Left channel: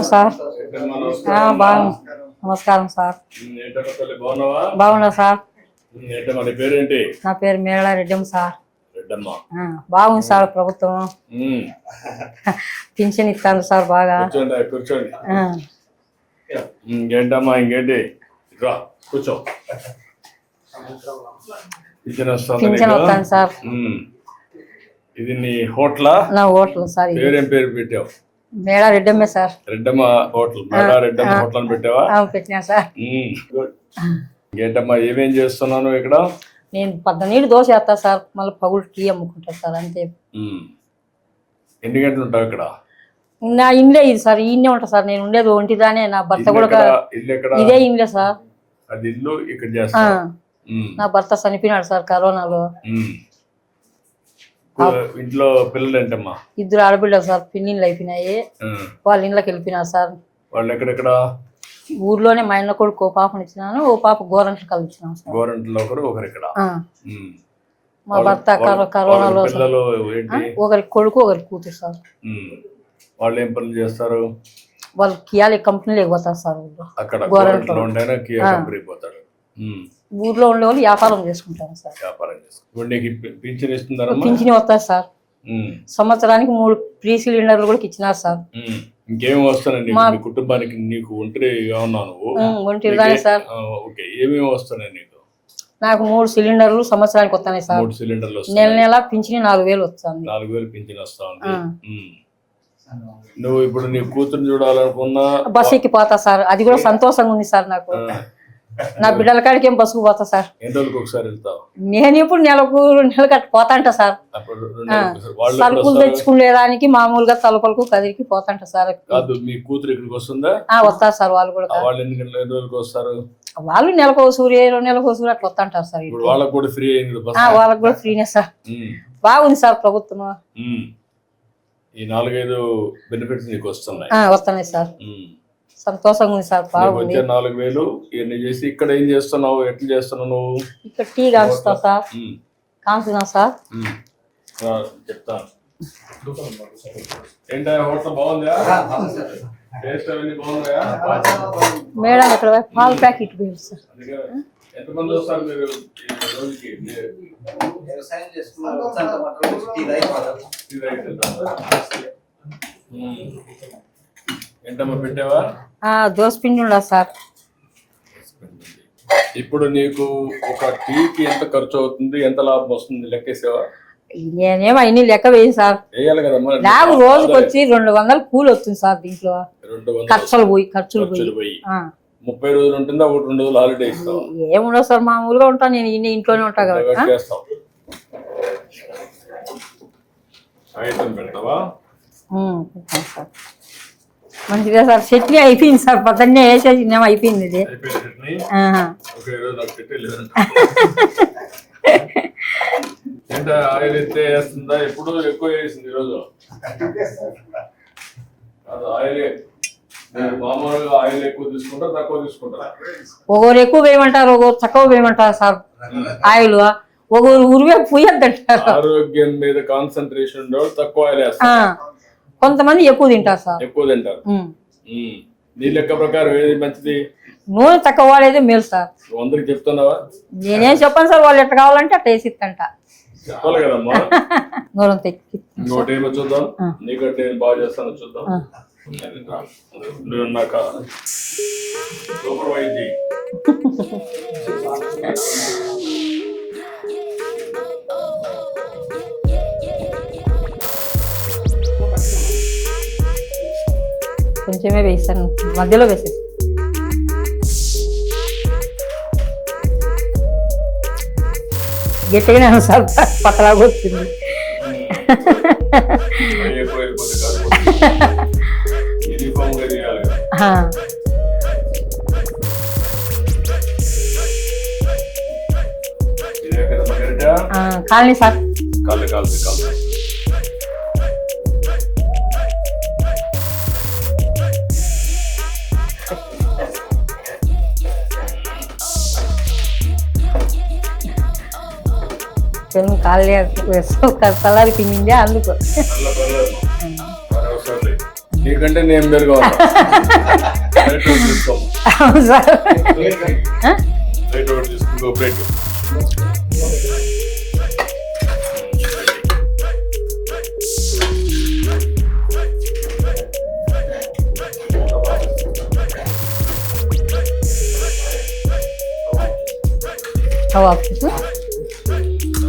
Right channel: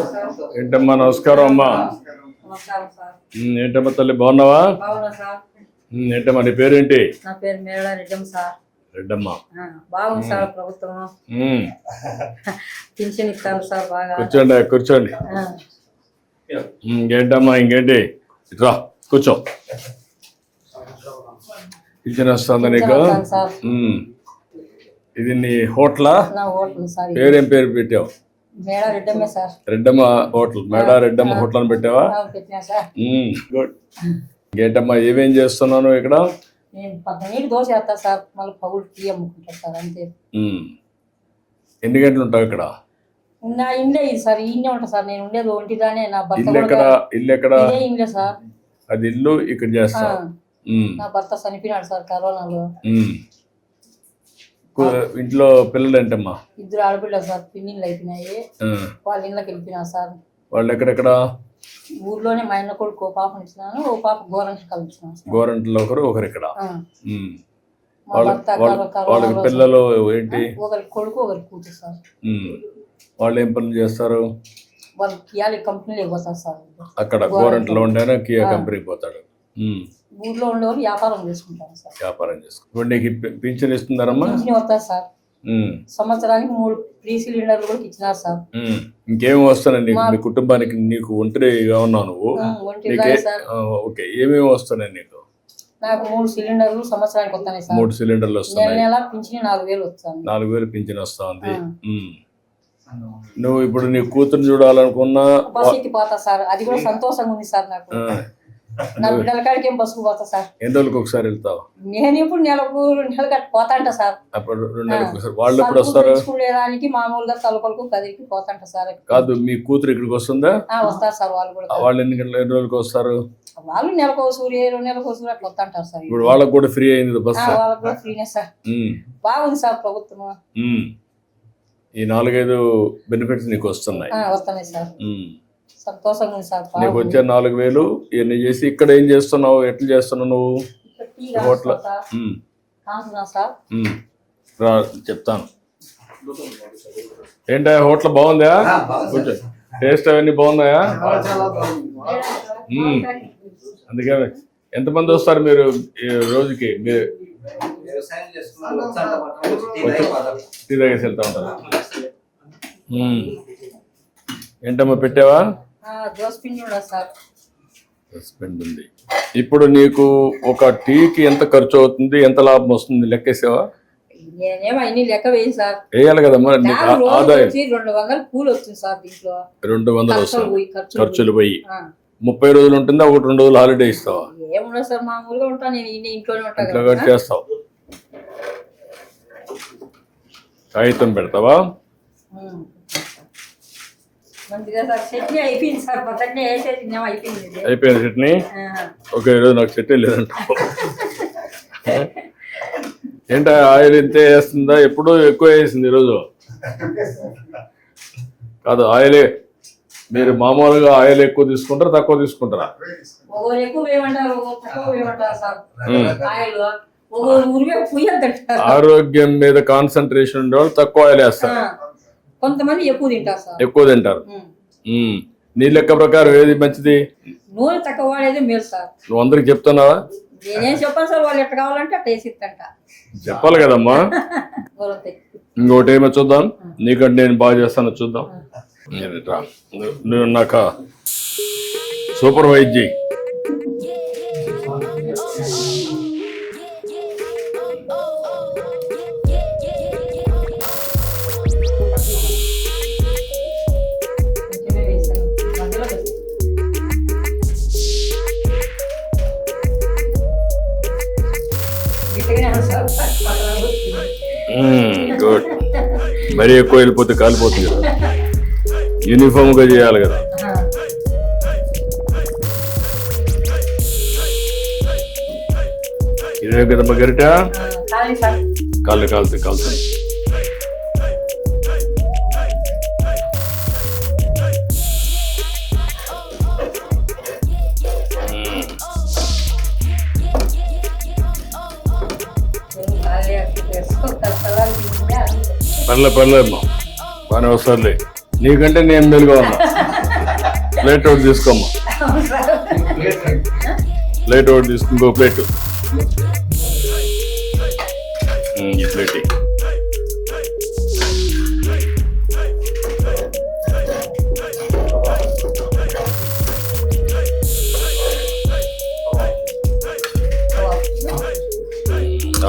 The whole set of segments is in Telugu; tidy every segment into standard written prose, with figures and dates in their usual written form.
నమస్కారం సార్. ఏంటమ్మా నమస్కారం అమ్మా. నమస్కారం సార్. ఏంటమ్మా తల్లి బాగున్నావా? బాగున్నా సార్. ఏంటమ్మా నీ పేరేంటి? నా పేరు మేళ రెడ్డమ్మ సార్. రెడ్డమ్మ బాగుంది సార్ ప్రభుత్వం. పింఛన్ ఇస్తాను సార్ బాగా. కూర్చోండి. ఇంకేంటమ్మా ఇంకేంటి రా కూర్చో. పింఛన్ వస్తుంది నీకు సార్. ఇది నీ హోటలా? నా హోటల్ సార్. పేరేం పేరు పెట్టావు? మేళ రెడ్డమ్మే సార్. రెడ్డమ్మ హోటల్. మేళ రెడ్డమ్మ హోటల్ అని పెట్టావా? పెట్టినా సార్. గుడ్. ఇంకేంటమ్మా ఏమేం చేస్తున్నాను ఇక్కడ? నేను 12 దోశ వేస్తా సార్, మళ్ళీ పగులు టీ అమ్ముకుంటా సార్, అంతే. ఎన్ని గంటలు ఉంటావు ఇక్కడ? నా ఇండ్లే ఇది సార్, ఈయనే ఉంటా సార్. నేను ఉండేది ఒంటిదానే. నా భర్త కూడా ఇల్లు ఎక్కడ? ఇదే ఇండ్లే సార్. అది ఇల్లు ఇక్కడ చేస్తా. నా భర్త చనిపోయినాడు సార్ కరోనాలో. ఇంట్లో పిల్లలు ఏంటమ్మా? 2 ఆడపిల్లలు సార్. పిన్నిళ్ళు అయిపోయినాయి, వాళ్ళ ఇంట్లోకి వెళ్ళిపోయినారు సార్. వాళ్ళు ఎక్కడెక్కడ? ఊర్లోనే. మా ఇంట్లో కొడుకు ఓ పాపని ఇచ్చినాను, ఓ పాప గోరంట్లు కలిసినాం సార్. గోరంట్లో ఒకరు ఇక్కడ. మా భర్త కరోనాలో. పిల్లలు ఏంటి? ఒకరి కొడుకు ఒకరి కూతురు సార్. వాళ్ళు ఏం పనులు చేస్తారు? వాళ్ళు కియా కంపెనీలోకి పోతారు సార్. అక్కడ గోరంట్లో ఉండే కియా కంపెనీకి పోతాడు. ఊర్లో ఉండే వాళ్ళు వ్యాపారం చేసుకుంటారు సార్. వ్యాపారం చేసుకుంటారు. నీకు పింఛన్ ఇస్తున్నారమ్మా? పింఛన్ వస్తారు సార్. సంవత్సరానికి 3 ఫ్రీ సిలిండర్లు కూడా ఇచ్చినారు సార్. ఇంకేమి వస్తున్నాయి మీ కుటుంబానికి? నీకు ఒంటరిగా ఉన్నావు నువ్వు? సార్. ఓకే. ఏమేమి వస్తున్నాయి నీకు? నాకు 3 సిలిండర్లు సంవత్సరానికి వస్తున్నాయి సార్. 3 సిలిండర్లు వస్తున్నాయి. నెల పింఛన్ 4000 వస్తుంది. 4000 పింఛన్ వస్తా ఉంది. నువ్వు ఇప్పుడు నీ కూతురు చూడాలనుకున్నా బస్ ఎక్కి పోతా సార్. అది కూడా సంతోషంగా ఉంది సార్ నాకు. నా బిడ్డల కాడికి ఏం బస్సుకు పోతా సార్. ఎన్ని రోజులకు ఒకసారి వెళ్తావు? నేను ఇప్పుడు నెలకు కట్టి పోతాంట సార్. సరుకులు తెచ్చుకునేదానికి మామూలుగా తలుపులకు కదిరికి పోతాంట సార్. కాదు, మీ కూతురు ఇక్కడికి వస్తుందా? వస్తారు సార్. వాళ్ళు కూడా. వాళ్ళు ఎన్ని రోజులకు వస్తారు? వాళ్ళు నెలకు 2 నెలకు అట్లా వస్తాంటారు సార్. ఇప్పుడు వాళ్ళకి కూడా ఫ్రీ అయింది బస్? వాళ్ళకి కూడా ఫ్రీనే సార్. బాగుంది సార్ ప్రభుత్వం. ఈ 4-5 బెనిఫిట్స్ నీకు వస్తున్నాయి? వస్తున్నాయి సార్. సంతోషంగా ఉంది సార్. నీకు వచ్చే 4000 ఇవన్నీ చేసి ఇక్కడ ఏం చేస్తున్నావు? ఎట్లా చేస్తున్నావు నువ్వు? ఇక్కడ టీ కాస్తా సార్. కాస్తున్నా సార్. చెప్తాను. ఏంటా హోటల్ బాగుందా? టేస్ట్ అవన్నీ బాగున్నాయా? మేడం ఇక్కడ పాల ప్యాకెట్ సార్. అందుకే ఎంతమంది వస్తారు మీరు రోజుకి? టీ తాగేసి వెళ్తా ఉంటారు. ఏంటమ్మా పెట్టావా? దోశ పిండి ఉండదు సార్. పిండి ఉంది. ఇప్పుడు నీకు ఒక టీకి ఎంత ఖర్చు అవుతుంది, ఎంత లాభం వస్తుంది లెక్కేసావా? నేనేమో అన్ని లెక్క వేయి సార్. వేయాలి కదమ్మా. రోజుకి వచ్చి 200 కూలి వస్తుంది సార్. దీంట్లో 200 ఖర్చులు పోయి 30 రోజులు ఉంటుందా? 1-2 రోజులు హాలిడే ఇస్తావా? ఏముండదు సార్, మామూలుగా ఉంటాను నేను. ఇంట్లోనే ఉంటా కదా. చేస్తావు. కాగితం పెడతావా? మంచిగా సార్. చట్నీ అయిపోయింది సార్. పొద్దున్నే వేసేసి అయిపోయింది. ఇది అయిపోయింది చట్నీ. ఓకే. ఈరోజు నాకు చట్నీ లేదంట. ఏంటో ఆయిల్ ఇంతే వేస్తుందా? ఎప్పుడూ ఎక్కువ వేసింది ఈరోజు. కాదు, ఆయిలే. మీరు మామూలుగా ఆయిల్ ఎక్కువ తీసుకుంటారా తక్కువ తీసుకుంటారా? ఒకరు ఎక్కువ వేయమంటారు, ఒకరు తక్కువ వేయమంటారు సార్. ఆయిల్ ఒకరు ఉరివే పోయొద్దంటారు. ఆరోగ్యం మీద కాన్సన్ట్రేషన్ ఉండేవాళ్ళు తక్కువ ఆయిల్ వేస్తారు. కొంతమంది ఎక్కువ తింటారు సార్. ఎక్కువ తింటారు. నీ లెక్క ప్రకారం ఏది మంచిది? నూనె తక్కువ వాడేది మేలు సార్. నువ్వు అందరికి చెప్తున్నావా? నేనేం చెప్పాను సార్. వాళ్ళు ఎట్లా కావాలంటే అట్లా వేసిస్తంట. చెప్పాలి కదమ్మా. ఇంకోటి ఏమో చూద్దాం. నీకంటే నేను బాగా చేస్తాను చూద్దాం. నువ్వు నాక సూపర్వైజ్ చేయి. కొంచెమే వేసాను, మధ్యలో వేసేసి. గట్టిగానే సార్, పక్కలాగా వచ్చింది. మరీ ఎక్కువ వెళ్ళిపోతే కాలిపోతుంది. యూనిఫామ్ గా చేయాలి కదా. ఇదే కదమ్మా గరిట? Colony sir. కాలుతాయి. కాలనీ సలారి పిండి అందుకు. పర్లేమ్మా, బాగానే వస్తుంది. నీకంటే నేను మెలుగా ఉన్నా. ప్లేట్ ఒకటి తీసుకోమ్మా. అవును సార్. ప్లేట్ ఒకటి తీసుకో. ఇంకో ప్లేట్. ఈ ప్లేట్ ఇయ్యి.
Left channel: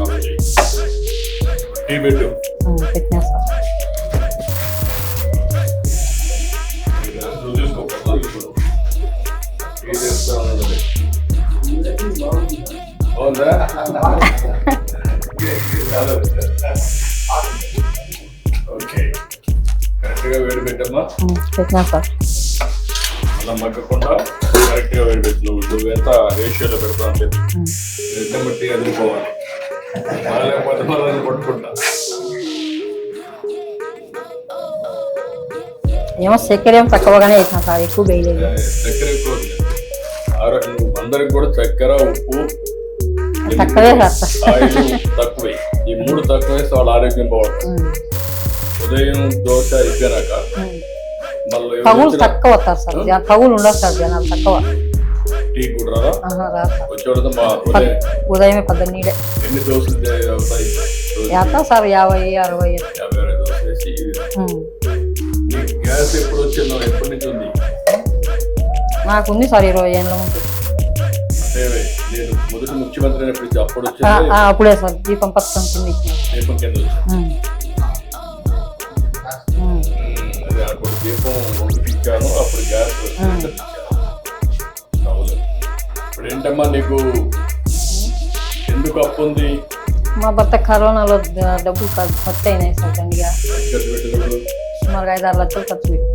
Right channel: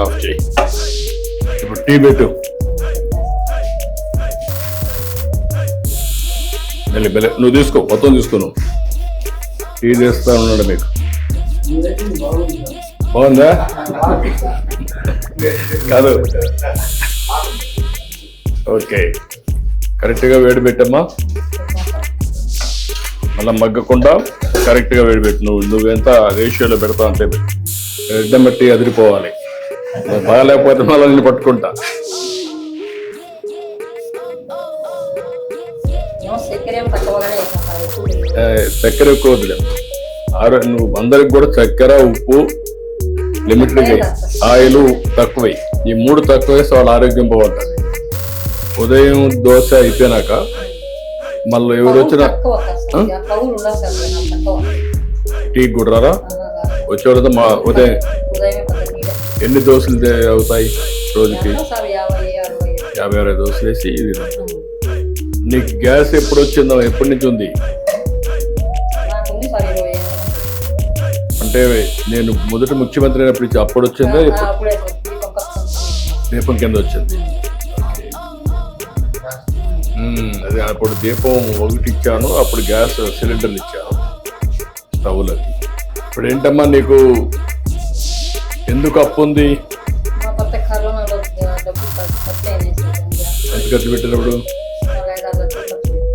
ఆఫ్ చేయి. ఇప్పుడు టీ పెట్టు. పెట్టినా సార్. నువ్వు తీసుకో, మొత్తం తీసుకో. నువ్వు టీ చేస్తా ఉన్నాడు మీకు. బాగుందా? కాదు. ఓకే, కరెక్ట్గా వేడి పెట్టమ్మా. పెట్టినా సార్. మళ్ళీ మగ్గకుండా కరెక్ట్గా వేడి పెట్టు. నువ్వెంత రేషియోలో పెడతావు అంటే రెడ్డం బట్టి అదిరిపోవాలి. బాగాలేకపోతే మళ్ళీ పట్టుకుంటా. ఏమో చక్కెర ఏం తక్కువగానే వేసిన సార్, ఎక్కువ వేయలేదు. చక్కెర ఎక్కువ వదిలేదు. నువ్వు అందరికి కూడా చక్కెర, ఉప్పు, తక్కువే సార్. ఆయిల్ తక్కువై. ఈ 3 తక్కువ వేస్తే వాళ్ళ ఆరోగ్యం బాగుంటుంది. ఉదయం దోశ అయిపోయినాక మళ్ళీ తక్కువ వస్తారు సార్. పగులు ఉండదు సార్, జనాలు తక్కువ. టీ కూడా రారా? వచ్చే వరకు ఉదయమే 12 ఎన్ని దోశలు అవుతాయి రోజుకి? సార్ 50, 60. 50, 60 దోశలు వేసి ఇది. నీకు గ్యాస్ ఎప్పుడు వచ్చిందో? ఎప్పటి నుంచి ఉంది? నాకుంది సార్ 20 ఏళ్ళ ఉంది. అంటే నేను మొదటి ముఖ్యమంత్రి అయినప్పుడు అప్పుడు వచ్చిందా? అప్పుడే సార్. దీపం పథకం దీపం కింద వచ్చింది. అదే అప్పుడు దీపం 1 ఇచ్చాను. అప్పుడు గ్యాస్ సిలిండర్లు ఇచ్చాను, స్టవ్లు. ఇప్పుడు ఏంటమ్మా నీకు ఎందుకు అప్పు ఉంది? మా భర్త కరోనాలో డబ్బులు ఖర్చు అయినాయి సార్. ఎంత ఖర్చు పెట్టినప్పుడు? సుమారు 5-6 లక్షలు ఖర్చు పెట్టి.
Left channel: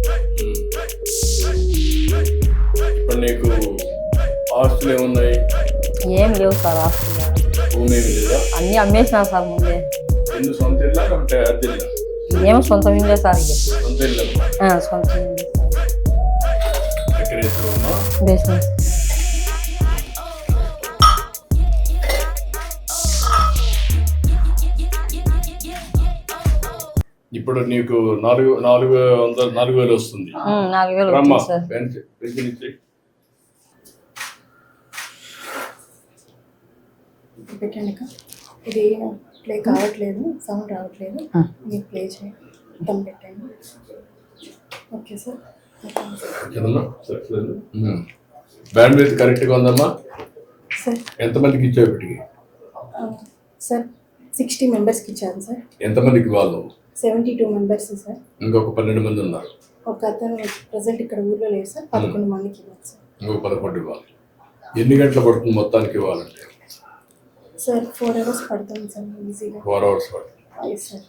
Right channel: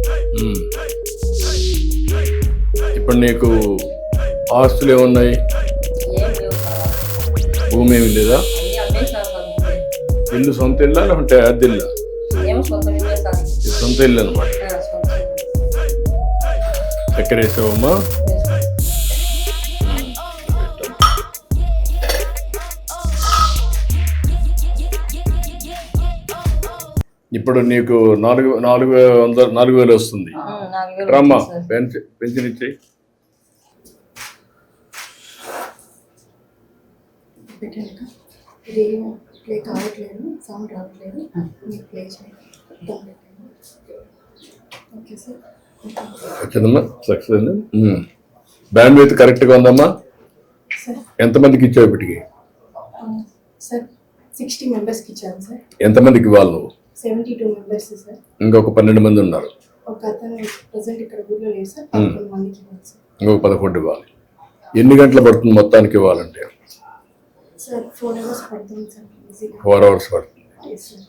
ఇప్పుడు నీకు ఆస్తులు ఏమున్నాయి? ఏం లేవు సార్ ఆస్తులు. భూమి ఏమి లేదా? అన్ని అమ్మేసినా సార్ ముందే. ఇల్లు సొంత ఇల్లా లేకుంటే అద్దె ఇల్లా? ఏమో సొంత ఇల్లే సార్. సొంత ఇల్లు అనమాట. సొంత ఇల్లు. చక్కెర వేసావమ్మా? బేస్మెంట్. ఇప్పుడు నీకు 4,000 వస్తుంది. 4,000 పెన్షన్ ఇచ్చి పెట్టండి. ఇది ప్లే కావట్లేదు, సౌండ్ రావట్లేదు. మీరు ప్లే చేయండి, పెట్టండి. Okay sir. వచ్చిందమ్మా, సక్సెస్ అయింది. బ్యాండ్ విత్ కరెక్ట్గా ఉందమ్మా? సార్ ఎంతమందికి ఇచ్చావు ఇప్పటికి? సార్ 60 మెంబర్స్కి ఇచ్చాను సార్. ఎంతమందికి ఇవ్వాలి నువ్వు? 72 మెంబర్స్ సార్. ఇంకొక 12 మంది ఉన్నారు. ఒక అతను ప్రజెంట్ ఇక్కడ ఊళ్ళో లేదు సార్. 11 మందికి ఇవ్వాలి సార్. ఇంకొక 11 ఇవ్వాలి. ఎన్ని గంటలు పడుతుంది మొత్తానికి ఇవ్వాలంటే? సార్ 4 hours పడుతుంది సార్. ఈజీగా 4 hours పడుతుంది సార్.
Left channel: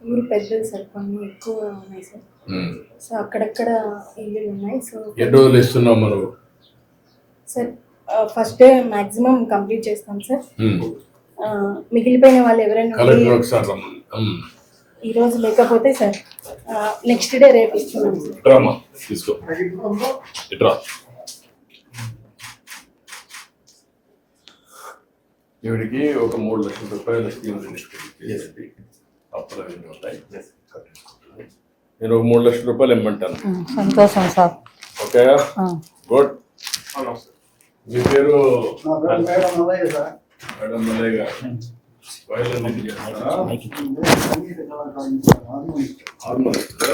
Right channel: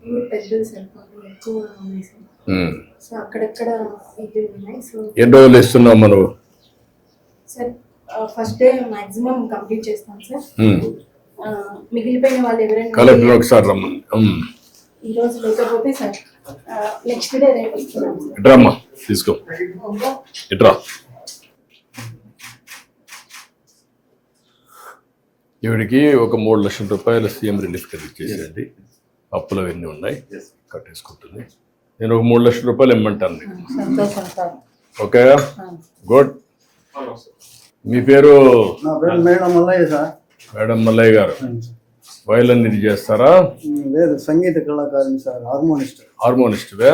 ఊరు పెద్దది సార్, పనులు ఎక్కువ ఉన్నాయి సార్. సో అక్కడక్కడ ఇల్లు ఉన్నాయి. సో ఎన్ని రోజులు ఇస్తున్నావు మనం? Sir first day maximum complete చేస్తాం సార్. మిగిలిపోయిన వాళ్ళు ఎవరైనా ఒకసారి ఈ రోజు లేకపోతే సార్ నెక్స్ట్ డే రేపు ఇస్తున్నాం సార్. డ్రామా తీసుకో. ఇట్రా. ఈవిడికి ఒక 3 లక్షల రూపాయలు సీఎం రిలీఫ్ ఇచ్చేసేయండి. అప్పులు అవన్నీ ఉన్నాయి, కట్టేసుకుంటుంది. నేను ఒక 3 లక్షల రూపాయలు ఇమ్మంటాను. సంతోషం సార్. Okay, good. మీ పేరు? Madam Mallaiah sir. Madam Mallaiah గారు వయలిన్ ఇది చేస్తారా? సంగీత కళాకారుని సార్. హార్మోనిస్ట్దా?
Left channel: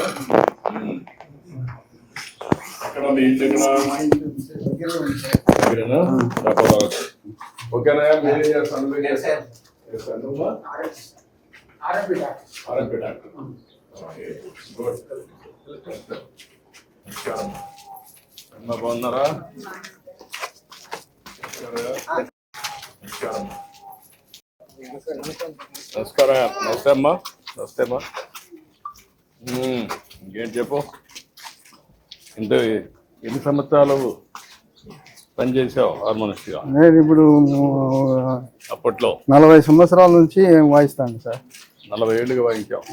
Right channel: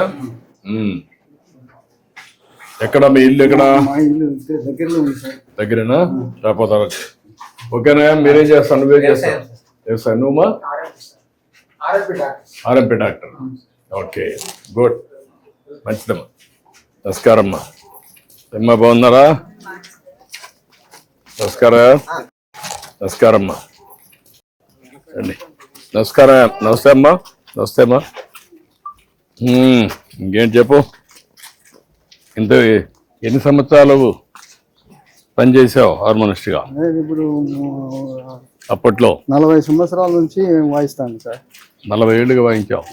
ఎక్కడ మీ ఇల్లు? ఎక్కడ? మా ఇల్లు దగ్గరలో ఉంది సార్. దగ్గరేనా? రాకపోతే ఓకేనా? మీరేం చేస్తాను? నువ్వేం చేస్తాను? నువ్వమ్మా? RMP doctor. ఓకే, గుడ్, మంచిదమ్మా. నమస్కారం అమ్మా. అమ్మా బాగున్నారా? నమస్కారం అమ్మా. నమస్కారం. నమస్తే అమ్మా. నమస్తే అమ్మా. ఇంకేం చెప్పు. ఇంత ఎన్ని సంవత్సరాలు పనిచేసావు హార్మోనిస్ట్గా? నేను ఇప్పుడు అప్పట్లో 40 సంవత్సరాల నుంచి వాయిస్తాను సార్. 40 ఏళ్ళుగా వాయించావు.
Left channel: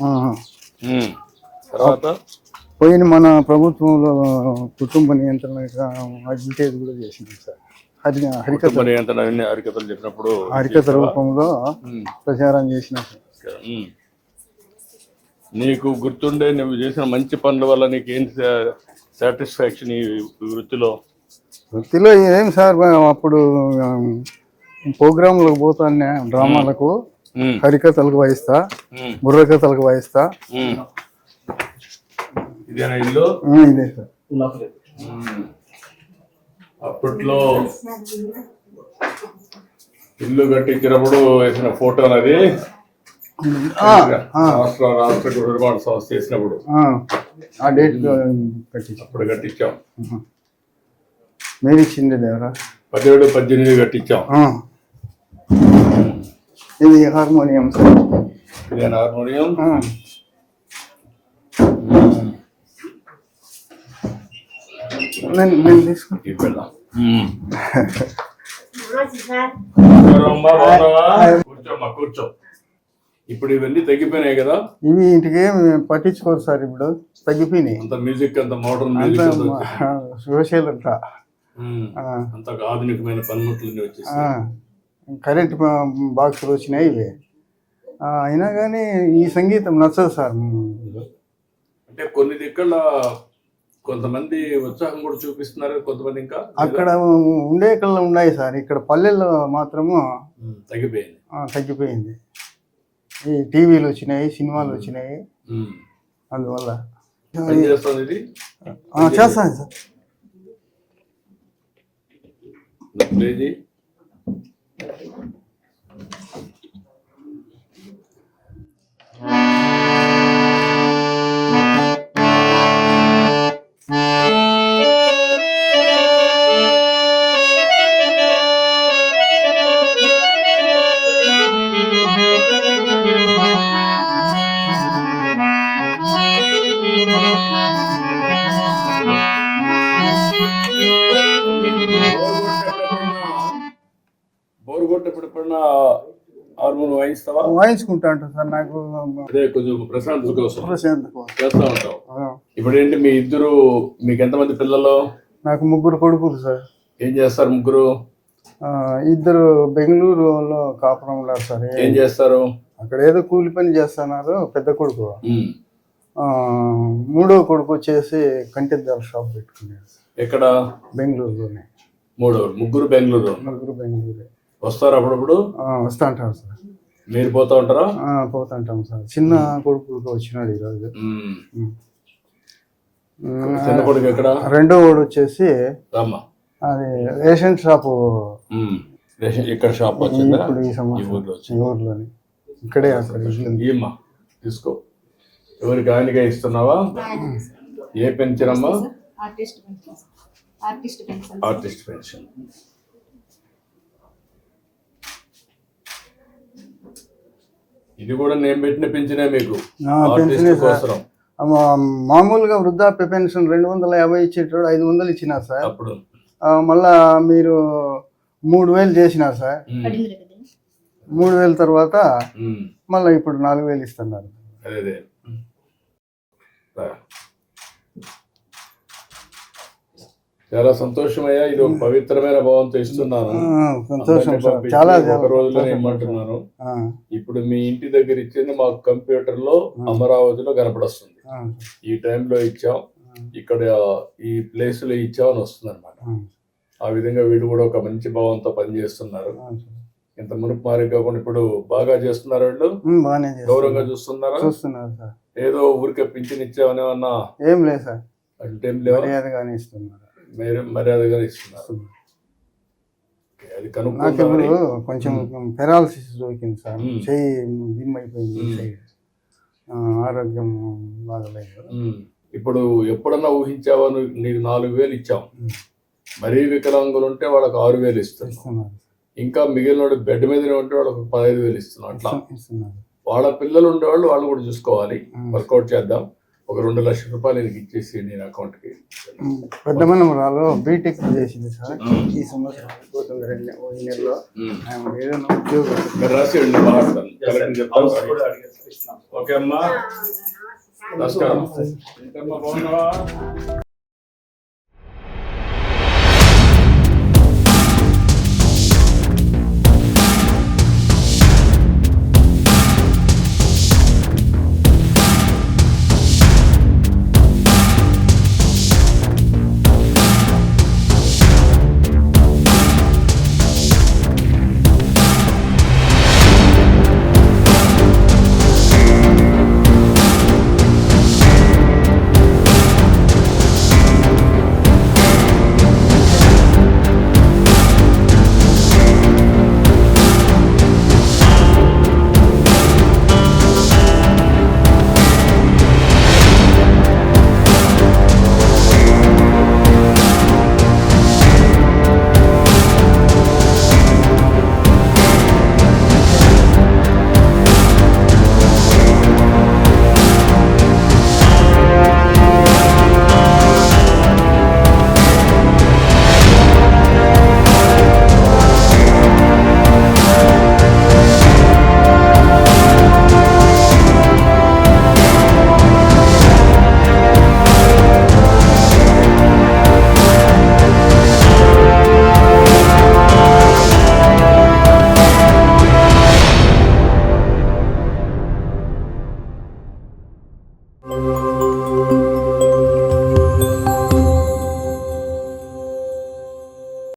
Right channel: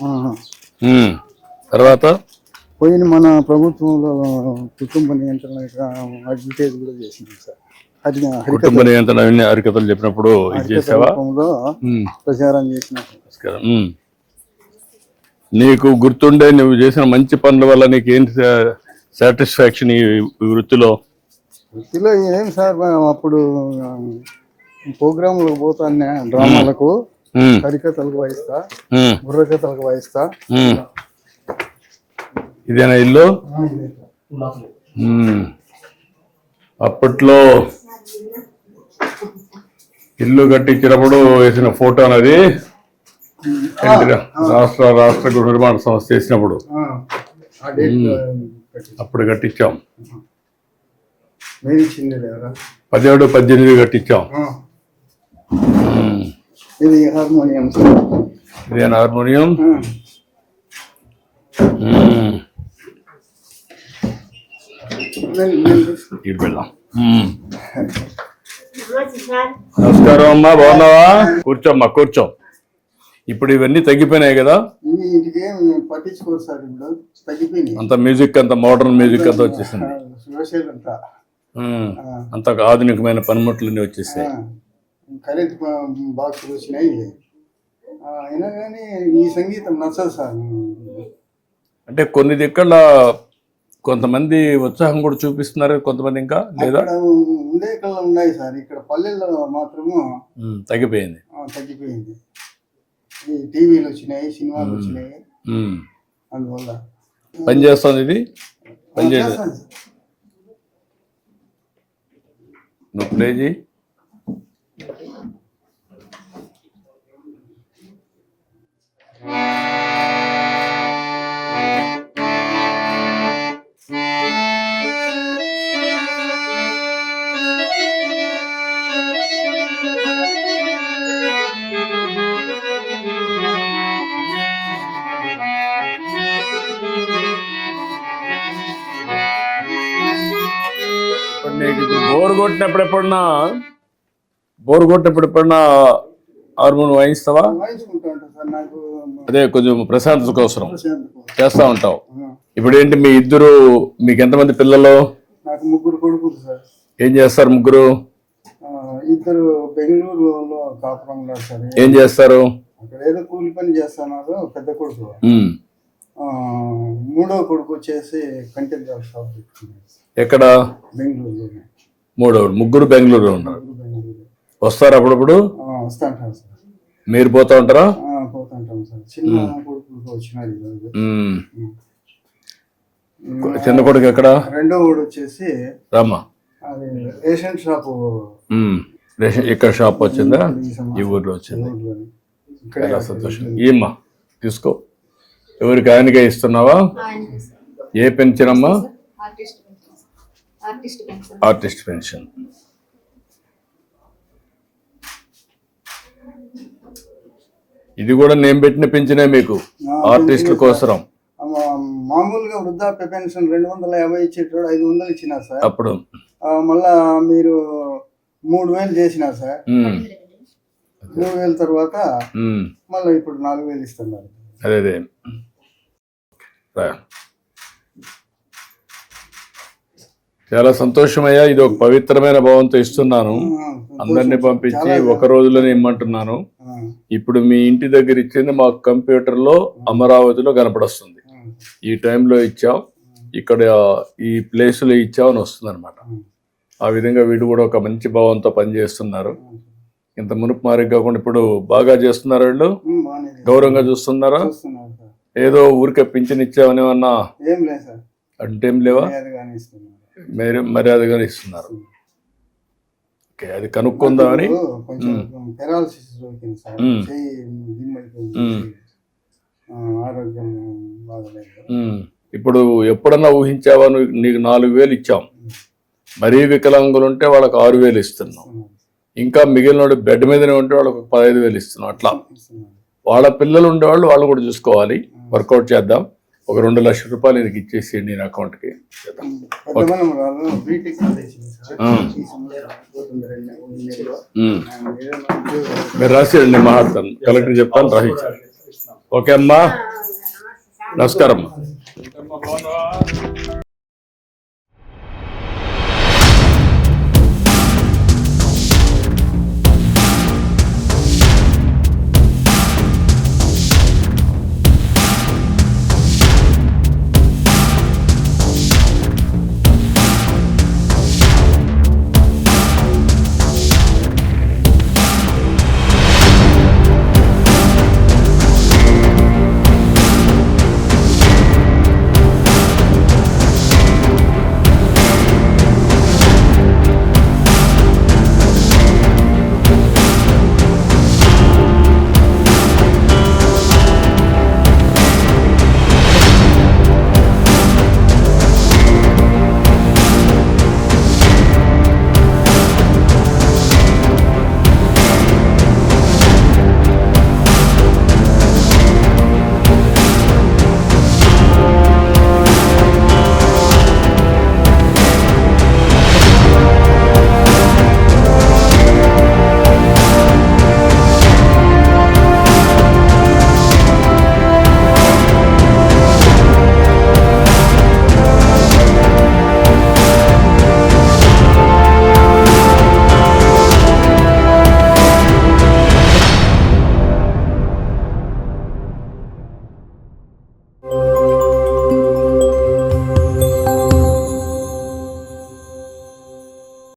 తర్వాత పోయిన మన ప్రభుత్వంలో కుటుంబ నియంత్రణ అడ్వర్టైజ్ కూడా చేసింది సార్. కుటుంబ నియంత్రణ హరికథలు చెప్పినప్పుడు హరికథ రూపంలో ప్రచారం చేసిన. నీకు గుర్తుండే నువ్వు చేసిన మంచి పనుల వల్ల నీకు ఏంటి సాటిస్ఫాక్షన్ ఈ వృత్తిలో? వృత్తిలో ఏం సార్ అప్పుడు ప్రోగ్రాంలకు పోతాను, డ్రామాలకు, హరికథలకు వాయిస్తా, బుర్రకథలకు వాయిస్తా. ఇదేనా ఇల్లు? ఇదే సార్. అప్పట్లో ఇల్లు కట్టించినప్పుడు వేసిన ఫోటో అనేది రాష్ట్ర గృహ నిర్మాణ సంస్థ చేసినప్పుడు ఆ డేట్ అప్పుడు కట్టించాం. మేము ఇచ్చింది లేవరా 17, 18 కట్టించాం. ఇది హార్మోనియం. ఇదేనా హార్మోనియం? ఇటు వెళ్దాం. నమస్కారం అమ్మా, బాగున్నావా? కూర్చోమ్మా, కూర్చో. ఇప్పుడు ఇవన్నీ తగ్గిపోయినాయి కదా? ఇవి ఇంటికి పట్టించుకోరు సార్, ఇప్పుడు తగ్గిపోయినాయి. అంత మ్యూజిక్, అంత మోడర్న్ మ్యూజిక్ అంతా వచ్చేసింది. సోషల్ అంతా అంత ఆధునికమైన పనిముట్లన్నీ వచ్చేసాయి. కరెంట్ బాక్సులు వచ్చినాయి ఇవి. అయినా కానీ ఈ సంగీతం నచ్చదు సార్. అంటే కొన్ని దిక్కల కొంతమంది ఉత్సాహం కూడా చూపిస్తున్నారు, కొంతమంది ఇంకా అక్కడ ఉండే కళ్ళ ఉన్నాయి సార్. ఇక్కడ పల్లెల్లో మాత్రము తగ్గిపోయింది. తగ్గిపోయింది. ఈ టీవీలు వచ్చినాయి, సినిమాలు వచ్చినాయి, అందువల్ల పని చేస్తుంది. ఇది చేస్తాను సార్. ప్లే చేయి. బోర్ కొట్టినప్పుడు ఎప్పుడన్నా హార్మోన్ వాయిస్తావా? వాయించుకుంటా ఉంటాను సార్. నాకు అదే కొంచెం ప్రశాంతత కోసం చేస్తా ఉంటావు. ఇప్పుడు ఏంటి మీకు ఎంతమంది పిల్లలు? నాకు 3 కొడుకులు సార్. ఏం చేస్తారు ముగ్గురు? 2 బెంగళూరులో కాపురం ఉన్నారు సార్. ఏం చేస్తారు? అక్కడ ఏదో కూలి పని చేస్తున్నారు. పెద్ద కొడుకు. 3వ కొడుకు వచ్చేసి కంటిద్దాల షాప్ పెట్టుకున్నారు. ఎక్కడ? బెంగళూరులోనే. ముగ్గురు బెంగళూరులో ఉన్నారు. వస్తారు అప్పుడప్పుడు? వస్తా ఉంటారు సార్. మీరు పోతా ఉంటారా? పోతుంటాం సార్. చిన్న కొడుకు వచ్చినాడు ఈరోజు. చిన్న కొడుకు ఎక్కడ? 2వ వాడు వచ్చేసి రామా, అది రేషన్ షాపు. ఇక్కడ షాప్ వచ్చిందా? ఈ ఊర్లో వచ్చింది. ఊర్లోని ఇక్కడే. ఏమ్మా తీసుకో. ఎవరికి ఆయనకే ఇస్తున్నావా? ఏ పెన్షన్ అమ్మా? Artist pension. ఇది కూడా నేను పెట్టిన పెన్షనే మీకు, ఆర్టిస్టుల కోసం. మామూలుగా వృద్ధాప్య పెన్షన్ 250 ఇచ్చేటప్పుడు 500 ఇచ్చినారు సార్. అప్పుడు మళ్ళా మీరు 3000 చేసినారు సార్. 3000 తర్వాత మళ్ళీ ఇప్పుడు 4000 ఇస్తున్నారు. అదే చాలా సంతోషమయ్యా. ఇది ఒక పవిత్రమైన భావంతో ఇస్తున్నాను. అందరినీ పంపించి ఒక రోజులోనే ఇమ్మంటున్నాను. ఇప్పుడు మీ ఇంటి దగ్గర ఇచ్చింది మాకు కంప్యూటర్ లో అమరావతిలో కనపడొస్తుంది. ఈ టైంలో ఇచ్చావు, ఇక్కడ ఈ ప్లేస్ లో ఇచ్చావు అని వస్తుంది అనమాట. ఆ విధంగా వీడు కూడా ఒక మంచి భావంతో పనిచేస్తున్నారు. ఇంత మునుపు మారి కాకుండా ఇప్పుడు బాగా చేస్తున్నారు. వీళ్ళు గౌరవంగా చూస్తున్నారా? ఏదో ఊరికే పింఛన్ ఇచ్చావని ఏమన్నా? ఏం లేదు సార్. అంటే ఏం లేవా? మీరు మర్యాదగానే ఇస్తున్నారు. ఓకే, అది కనుక్కుందామని. కొంచెం పెరాలసిస్ దొరికింది సార్. అయిపోయింది, ఆరోగ్యం బాగలేదు. ఇప్పుడు ఎప్పుడన్నా ఊహించావా? నీకు 4000 ఇచ్చాం. మరీ వికలాంగులు ఉంటే వాళ్ళకి 6000 ఇస్తున్నాం. ఇంకా మిగిలిన బెడ్ మీదనే ఉంటే వాళ్ళకి 15,000 ఇస్తున్నాం. అట్లా వాళ్ళ పిల్లలు ఉండేవాళ్ళు వాళ్ళు కూడా చూసుకోవాలి. వర్కౌట్ చేద్దాం. ఒక 2 లక్షల రూపాయలు నీకు ఇచ్చేసేయండి నేను అకౌంట్కి. మీరు రాసేయండి, మాట్లాడతాను. కలెక్టర్ చెప్తాను, రాసి. ఓకే అమ్మా, నమస్కారం.